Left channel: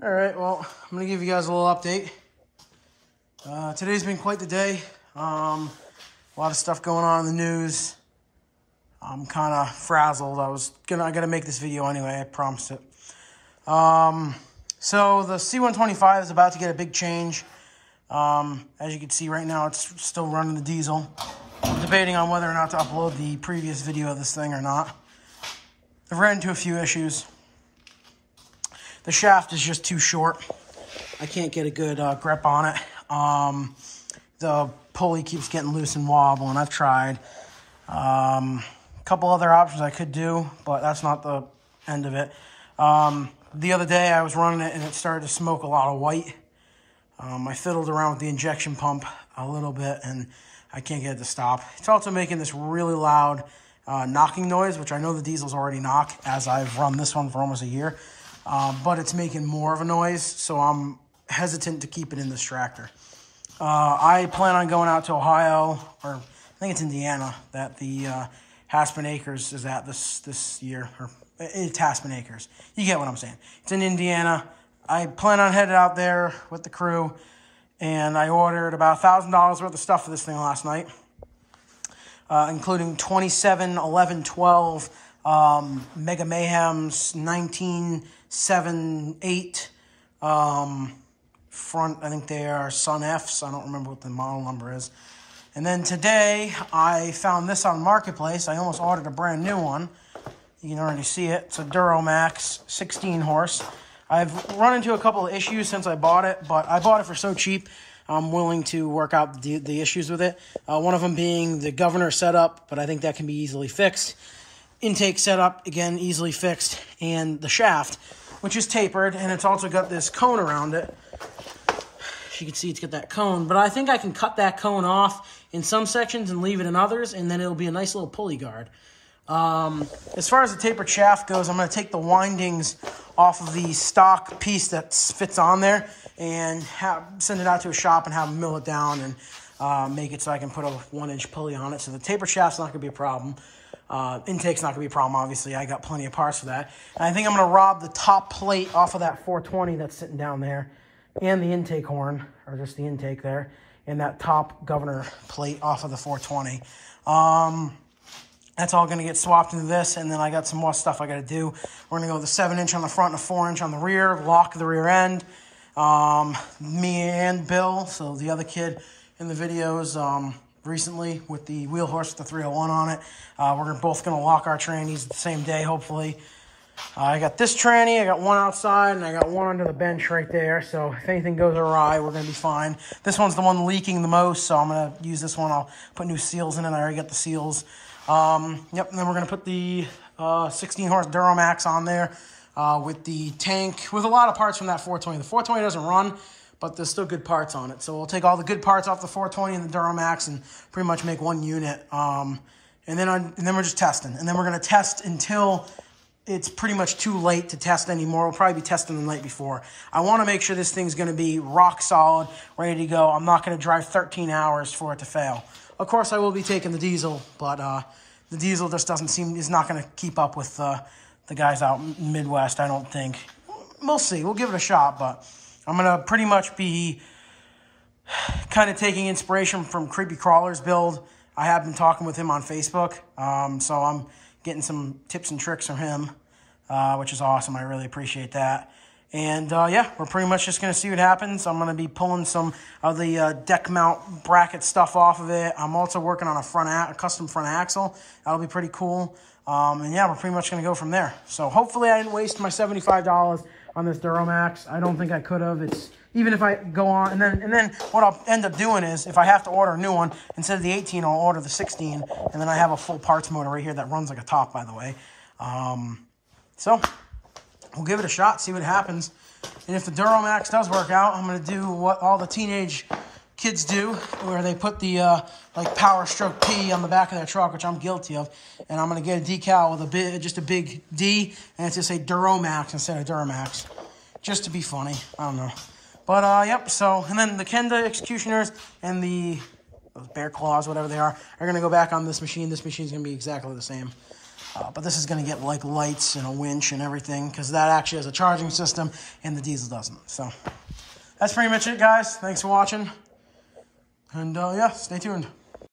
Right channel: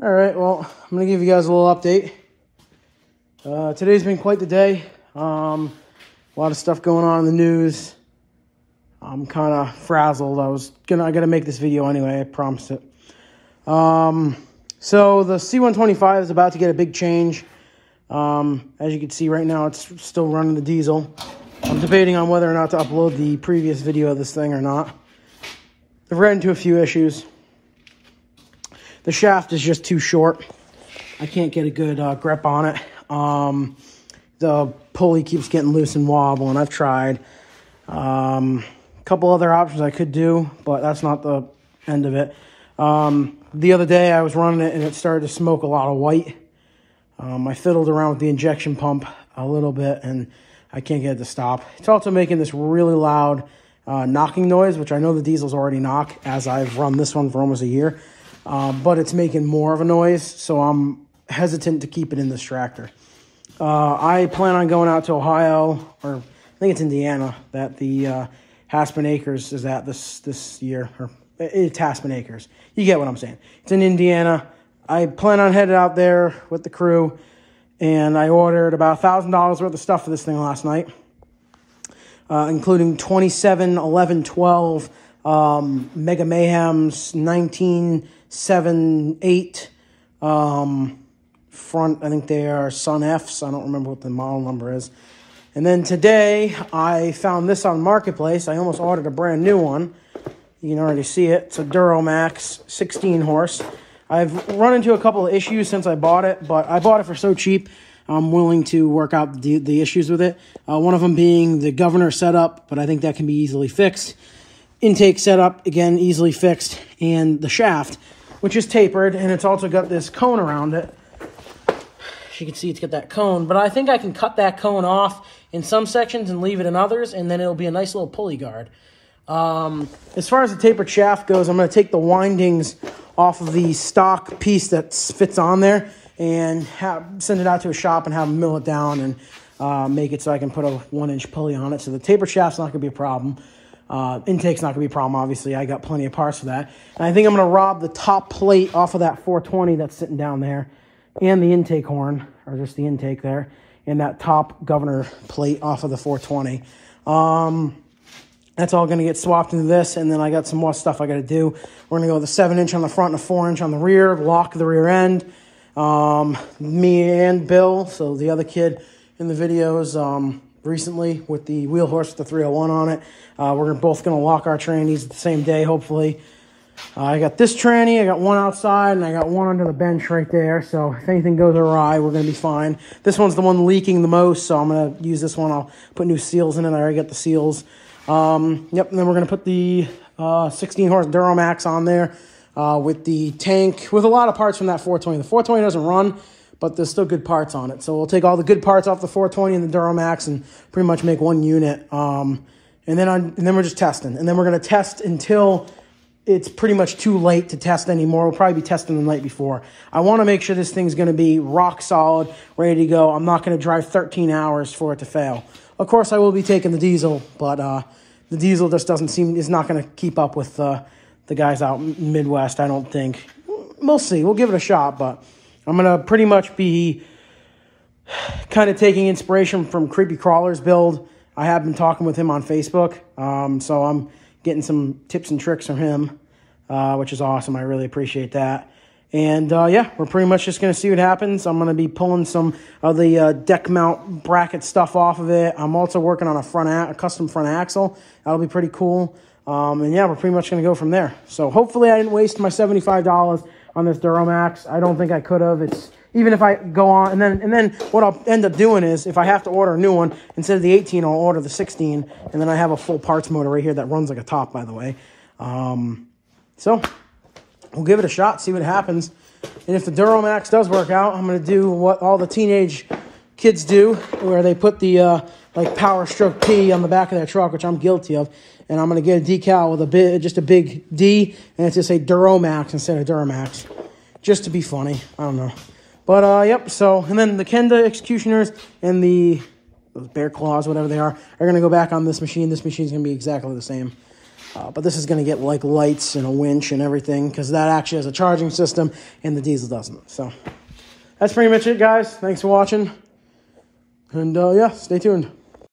All right, well, I'm going to give you guys a little update. Today's been quite the day. A lot of stuff going on in the news. I'm kind of frazzled. I got to make this video anyway, I promised it. So the C125 is about to get a big change. As you can see right now, it's still running the diesel. I'm debating on whether or not to upload the previous video of this thing or not. I've ran into a few issues. The shaft is just too short. I can't get a good grip on it. The pulley keeps getting loose and wobbling. I've tried. A couple other options I could do, but that's not the end of it. The other day I was running it and it started to smoke a lot of white. I fiddled around with the injection pump a little bit and I can't get it to stop. It's also making this really loud knocking noise, which I know the diesels already knock as I've run this one for almost a year. But it's making more of a noise, so I'm hesitant to keep it in this tractor. I plan on going out to Ohio, or I think it's Indiana, that the Haspin Acres is at this year. Or it's Haspin Acres. You get what I'm saying. It's in Indiana. I plan on headed out there with the crew, and I ordered about $1,000 worth of stuff for this thing last night, including 27, 11, 12 Mega Mayhems, 19, 7, 8 front. I think they are Sun Fs. I don't remember what the model number is. And then today I found this on Marketplace. I almost ordered a brand new one. You can already see it. It's a Duramax 16 horse. I've run into a couple of issues since I bought it, but I bought it for so cheap, I'm willing to work out the issues with it. One of them being the governor setup, but I think that can be easily fixed. Intake setup, again, easily fixed. And the shaft, which is tapered, and it's also got this cone around it. As you can see, it's got that cone, but I think I can cut that cone off in some sections and leave it in others, and then it'll be a nice little pulley guard. As far as the tapered shaft goes, I'm going to take the windings off of the stock piece that fits on there and send it out to a shop and have them mill it down and make it so I can put a 1-inch pulley on it. So the tapered shaft's not going to be a problem. Intake's not going to be a problem, obviously. I got plenty of parts for that. And I think I'm going to rob the top plate off of that 420 that's sitting down there and the intake horn, or just the intake there, and that top governor plate off of the 420. That's all going to get swapped into this, and then I got some more stuff I got to do. We're going to go with a 7-inch on the front and a 4-inch on the rear, lock the rear end. Me and Bill, so the other kid in the videos, recently with the wheel horse with the 301 on it. We're both going to lock our trannies the same day, hopefully. I got this tranny, I got one outside, and I got one under the bench right there. So if anything goes awry, we're going to be fine. This one's the one leaking the most, so I'm going to use this one. I'll put new seals in it. I already got the seals. Yep, and then we're going to put the 16-horse Duramax on there with the tank, with a lot of parts from that 420. The 420 doesn't run, but there's still good parts on it. So we'll take all the good parts off the 420 and the Duramax and pretty much make one unit. And then we're just testing. And then we're going to test until it's pretty much too late to test anymore. We'll probably be testing the night before. I want to make sure this thing's going to be rock solid, ready to go. I'm not going to drive 13 hours for it to fail. Of course, I will be taking the diesel, but the diesel just is not going to keep up with the guys out in Midwest, I don't think. We'll see. We'll give it a shot, but I'm going to pretty much be kind of taking inspiration from Creepy Crawler's build. I have been talking with him on Facebook, so I'm getting some tips and tricks from him, which is awesome. I really appreciate that. And, yeah, we're pretty much just going to see what happens. I'm going to be pulling some of the deck mount bracket stuff off of it. I'm also working on a custom front axle. That'll be pretty cool. And, yeah, we're pretty much going to go from there. So, hopefully I didn't waste my $75 on this Duramax. I don't think I could have. It's even if I go on, and then what I'll end up doing is, if I have to order a new one, instead of the 18, I'll order the 16, and then I have a full parts motor right here that runs like a top, by the way. So we'll give it a shot, see what happens. And if the Duramax does work out, I'm going to do what all the teenage kids do, where they put the like Power Stroke P on the back of their truck, which I'm guilty of. And I'm going to get a decal with just a big D, and it's just say Duramax instead of Duramax, just to be funny. I don't know. But, yep, so, and then the Kenda Executioners and those Bear Claws, whatever they are going to go back on this machine. This machine's going to be exactly the same. But this is going to get like lights and a winch and everything because that actually has a charging system and the diesel doesn't. So that's pretty much it, guys. Thanks for watching. And yeah, stay tuned.